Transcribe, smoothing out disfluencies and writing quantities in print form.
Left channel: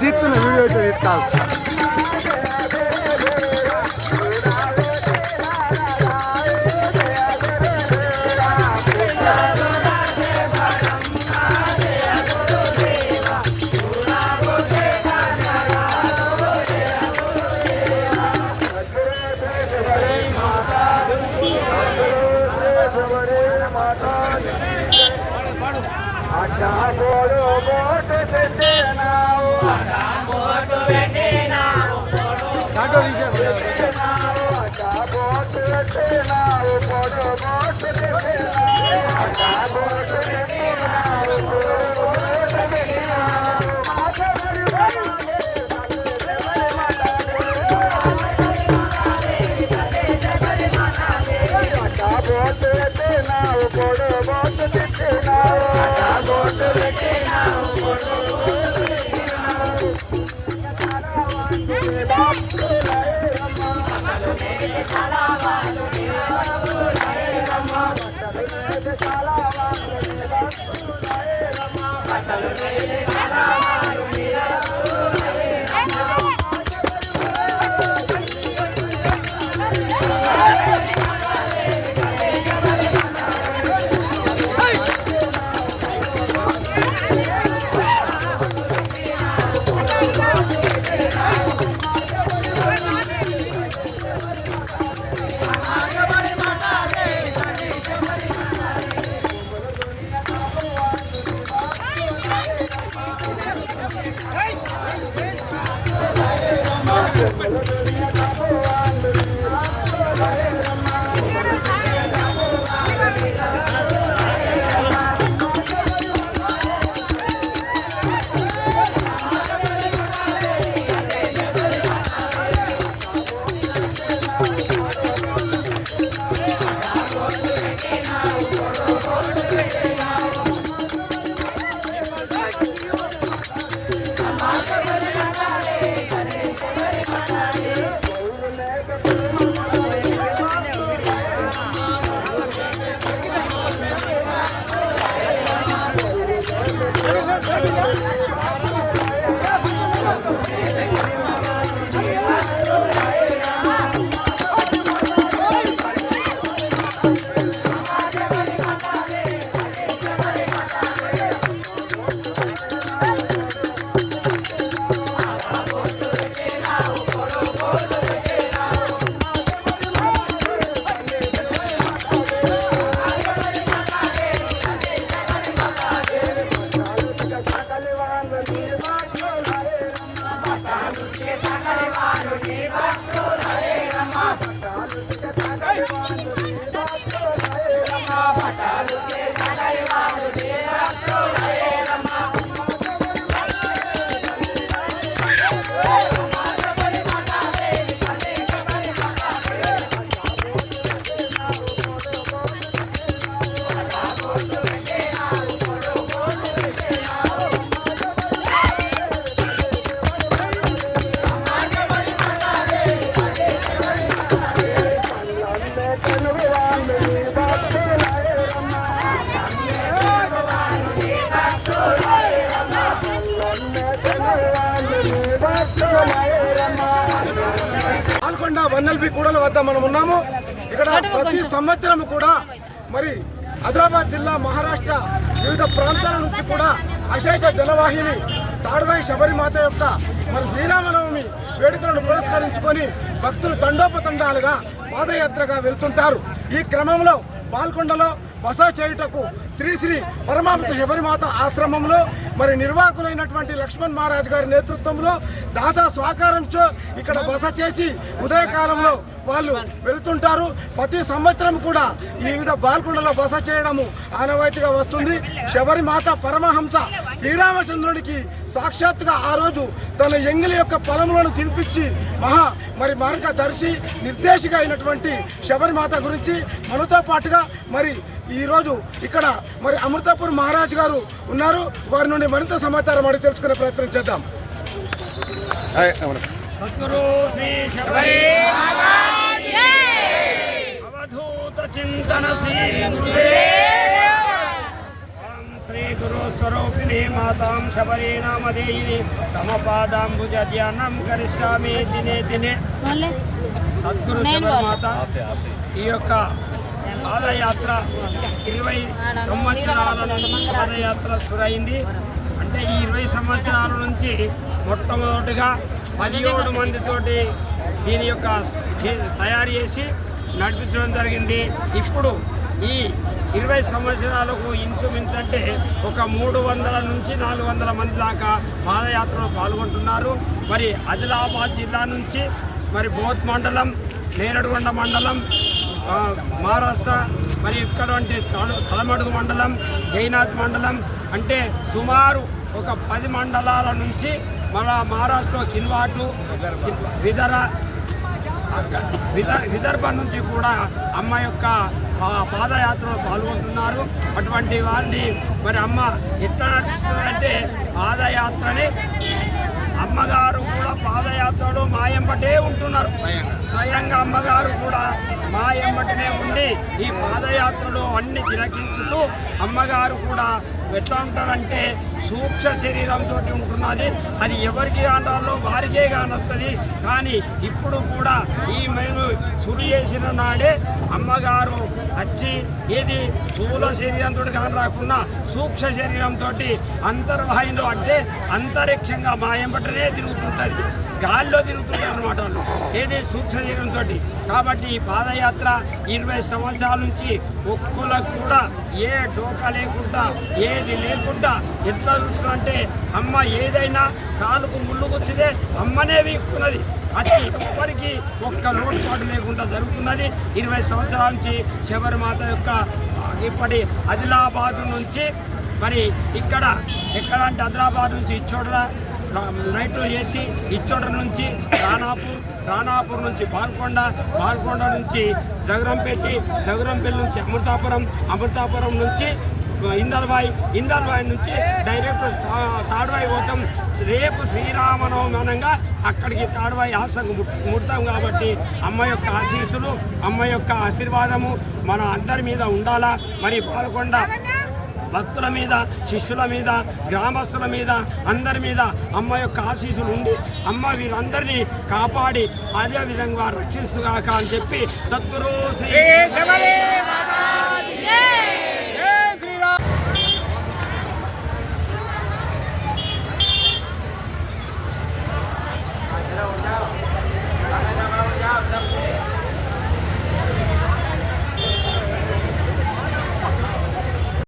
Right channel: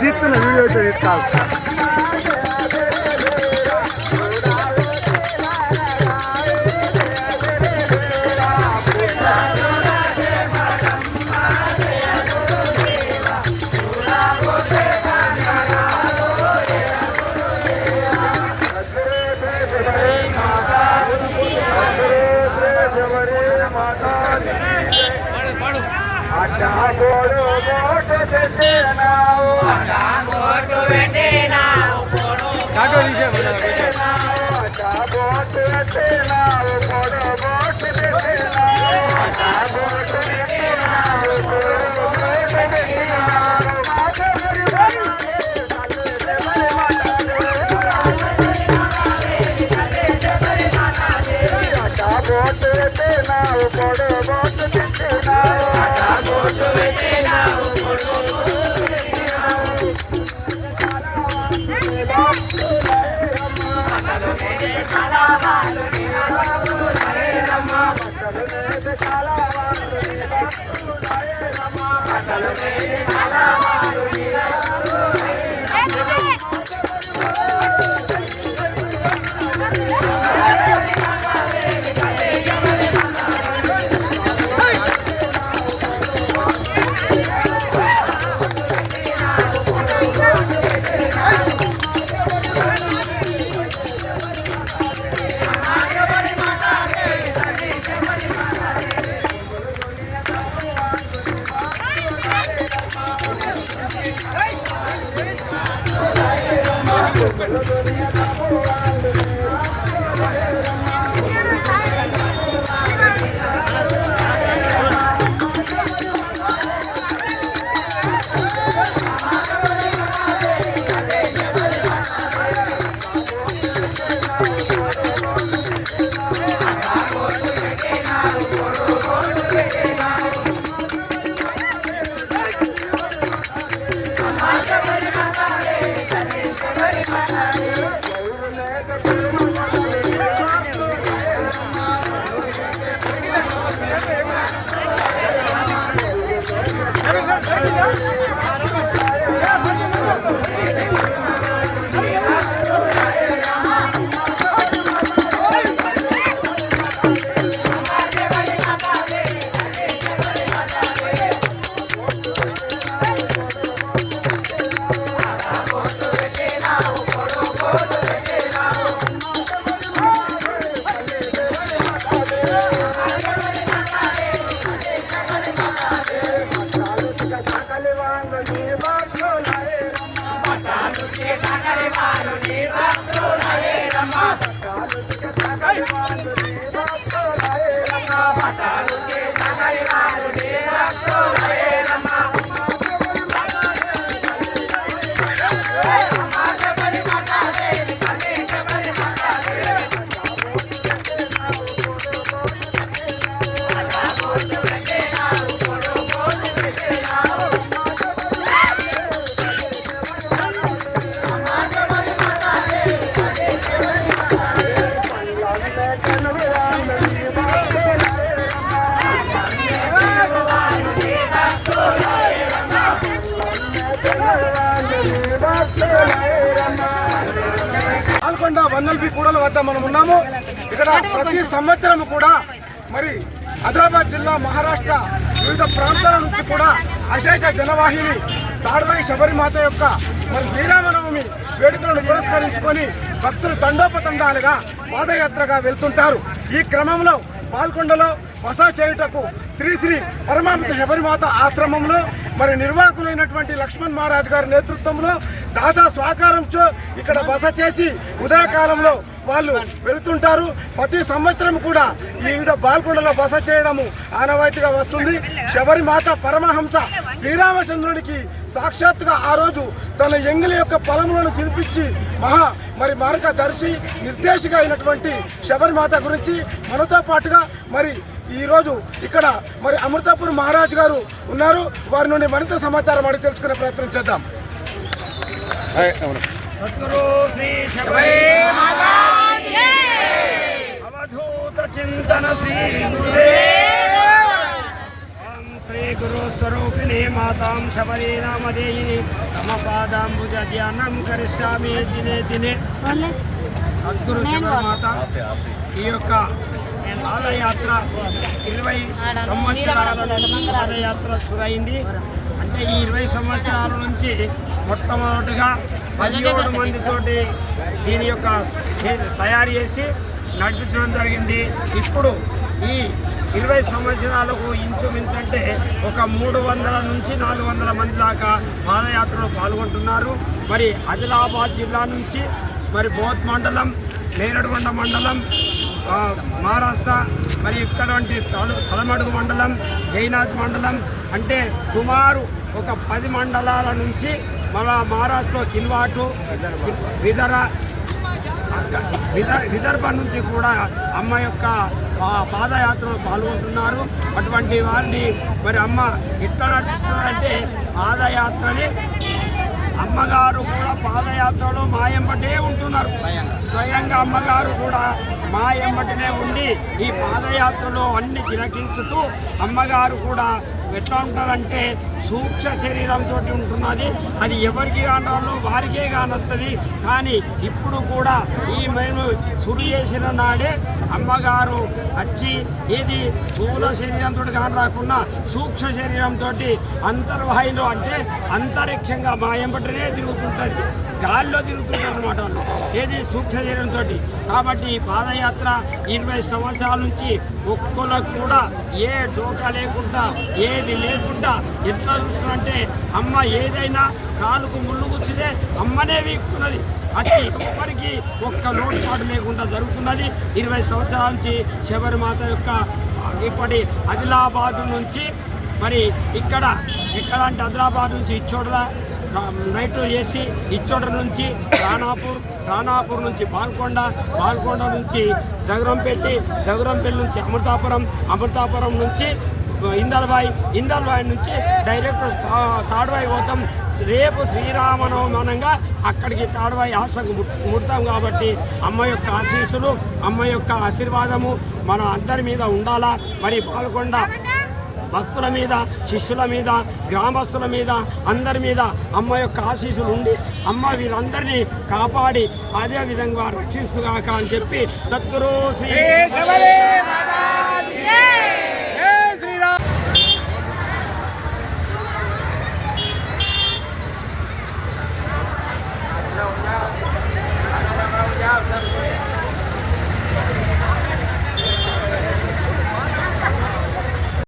తీస్తున్న వీడియో తీస్తావు పాల్కొండ వన్నెల్పి కూడల వద్ద మనం ఉన్నాము. ఇక్కడ ప్రతి సంవత్సరం కూడా మరి ఆదిలాబాద్ జిల్లా మహారాష్ట్ర వివిధ ప్రాంతాల నుంచి కూడా అశేష జనవాహిని తాడ్వాయి శబరిమాత యొక్క మరి శ్రీరామనవమి వేడుకలను పురస్కరించుకొని భక్తులు తండోపతండాలుగా పాదయాత్రగా వెళ్తుంటారు. ఈ క్రమంలో పాల్కొండలో బస చేయుటకు శ్రీ శ్రీ పరమాంశ శబరిమాత ఆశ్రమంలో మరి నిర్వాహకులైనటువంటి లక్ష్మణ్ మహారాజ్ గారి నేతృత్వంలో దాదా సహకారంతో ఇక్కడ బస చేసి ఉదయకాలంలో వాళ్ళు వెళుతుంటారు. ప్రతి సంవత్సరం కూడా ఈ వివిధ పాల్కొండలో బస చేయడము ఆనవాయితీగా వస్తుంది. శబరిమాత పరమహంస శ్రీరామచంద్రుడికి సాక్షాత్తుగా ఆ రోజు తన ఎంగిలి యొక్క పొలములను తినిపించి మరి మార్గదర్శి నిర్దేశిక అయినటువంటి శబరిమాత గురించి మనతో పాటుగా మరి ఈరోజు ఇక్కడ మరి అమృతాపూర్ మహారాజ్ గారు ఉన్నారు. వారి నుండి మరింత సమాచారం అడిగి తెలుసుకునే ప్రయత్నం చేద్దాం. సద్గురు శ్రీ శబరి అవధూత చింతన శ్రీ శ్రీ గురు స్వరూపిణి మాతాం శబరి నామధేయిని తమ పాదాంబుజ ధ్యానం కరిష్యామి దినే దినే. సద్గురు శబరిమాత ఈ యొక్క పాదయాత్ర 20 సంవత్సరాల నుంచి పాదయాత్ర సురైంది. అంటే ఈ 20 సంవత్సరాల నుంచి మొట్టమొదటిగా 17 మందితోటి దీని యొక్క తయారు చేసి నడిపించడం జరిగింది. ఇప్పుడు ఈ 20 సంవత్సరాలకు ఇంచుమించంటే ఒక 300 నుంచి 400 మంది దాకా పాదయాత్రలో పాల్గొంటున్నారు. మరి ఆదిలాబాద్ జిల్లా నుంచి మరి బోధ్ మండలం, నేరడుగొండ మండలం, మహారాష్ట్ర, మరి ఇక్కడ తలమడుగు మండలం, జైనాథ్ మండలం, అంటే సుమారు ఒక 10 మండలాల నుంచి మన మహారాష్ట్రలో కిల్వాటు, విదర్భ నుంచి కూడా అమ్మ యొక్క పాదయాత్రలో పాల్గొంటున్నారు. అటువంటి వారిని మరి అమ్మ ఎట్లా నడిపిస్తుందంటే పాదయాత్రని అమ్మగారు కూడా పాదయాత్రలో మా ఎంబటే ఉంటున్నారు. స్వయంగా అమ్మగారు కూడా మా ఎంబటినే ఉండి ఈ పాదయాత్రలో అన్ని తిలకించుతూ అమ్మగారు కూడా ఎట్లా ఉంటారంటే సూక్ష్మ శరీరంతో ఉంటున్నది. అది ఎవరికి కానాలో వారికే కానొస్తుంది. కానీ ఇప్పుడు కూడా ఈ మేము సుడి చేసిన నాడే అమ్మగారు వచ్చి ఇది స్థూల శరీరంతో కాని రాకుండా సూక్ష్మ శరీరంతో అంతర్వాహిలో అంటే అంతరిక్షంగా మా ఎంబటనే తిరుగుతుంటుంది, గాల్లో తిరుగుతుంటారు అనమాట వాళ్ళు, ఏది సూక్ష్మ శరీరంతో. కాబట్టి ఈ పాదయాత్ర 20 సంవత్సరాల నుంచి ఒక్కళ్ళకు కూడా ఏ డోకా లేకుండా ఏది లేకుండా ఎట్లా చూస్తుందంటే అమ్మ ఏదైనా కాలుకు ముళ్ళు గుచ్చితే అమ్మనే వీక్కున్నది. వచ్చి ఎవ్వరికి ఒక్క లోటుపాటు లేకుండా జరుగుతున్నది. 20 సంవత్సరాల నుంచి శబరిమాత యొక్క ఇప్పటి ఆదిలాబాద్ నుంచి మరి ఇక్కడ అంటే ఆదిలాబాద్ నుంచి ఇచ్చోడ నైట్ చేసి ఇచ్చోడ నుంచి రాణాపూర్ నుంచి పాల్కొండ నుంచి జగరంపల్లి నుంచి అమృతాపురం నుంచి ఇందల్వాయి నుంచి డైరెక్ట్ తాడ్వాయి పోతాం. రేపు శ్రీరామనవమి అనంగా అక్కడికి తాడ్వాయి ఆశకు ముడతాం. కాబట్టి అమ్మ యొక్క ఆశీస్సులు, అమ్మ యొక్క ఆశీర్వాదము మన అందరి మీద ఉండాలా. మరి పాల్కొండ భక్తుల మీద, శిష్యుల మీద, గ్రామస్తుల మీద, అందరి మీద అమ్మ యొక్క ఆశీస్సులు ఉండి అమ్మ వీరందరినీ కాపాడి అదే విధంగా రక్షిస్తుగాక అని చెప్పి సద్గురు శ్రీ